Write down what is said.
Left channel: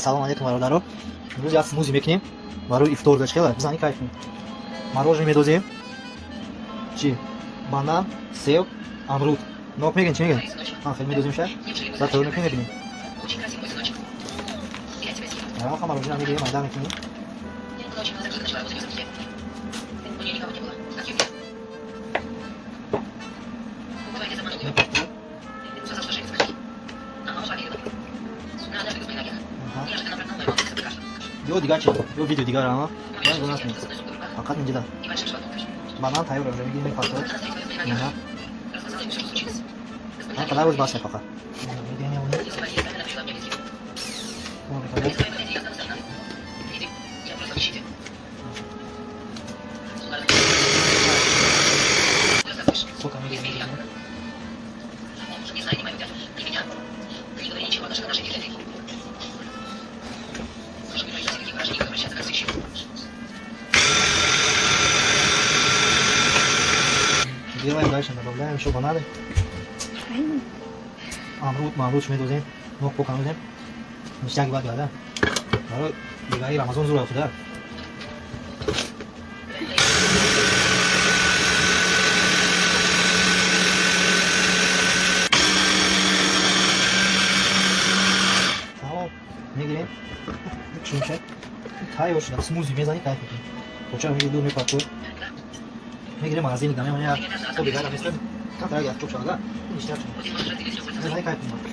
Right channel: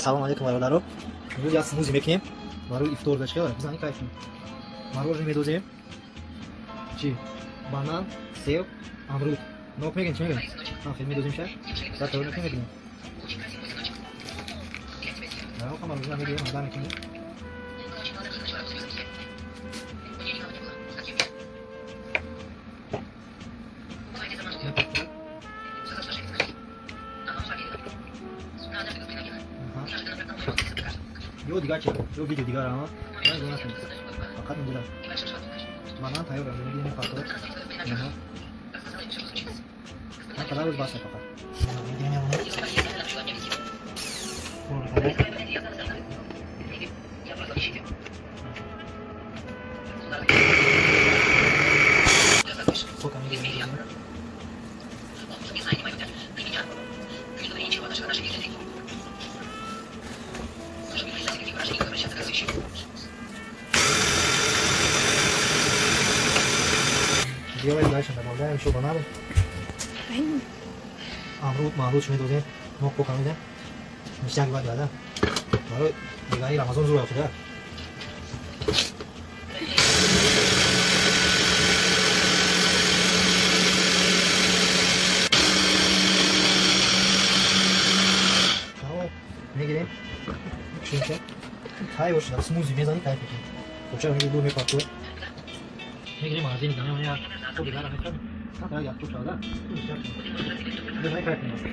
سلام علیکم برادران. امروز یک سموزی میکنیم برای افطار داشته بزنی کیف کنیم. مروژه میدوزیم. چی؟ بانان، سیب، امرود. نوک میگن چی میگن؟ خیلی میدوزیم شد. بعد طور میکنیم ببینیم. آخه مروژه میگیم مایدار میکنیم. یه دیگه چه؟ یه ویدیو دیگه را من گذاشتم. فقط اینجا بانان تایور رو میگیم فقط. نه. من فقط روز باشه فقط. میگیم میمونه. Делаем дальше, добавляем еще бананы. Амруд میدوزیم. نوک پاک میدیم. میشه بعد یاده. برای دیگه رمضان زور افتاده. تمام میگیریم. چون چه؟ تای باشه. سموزی میزنی کیف میکنی. کوچه میگیری دور میپاکو. میگیریم از این دانه اونیا تو دیگه نمیستن. کاترا یا چوب شده. میشه. زنای کیف میکنی.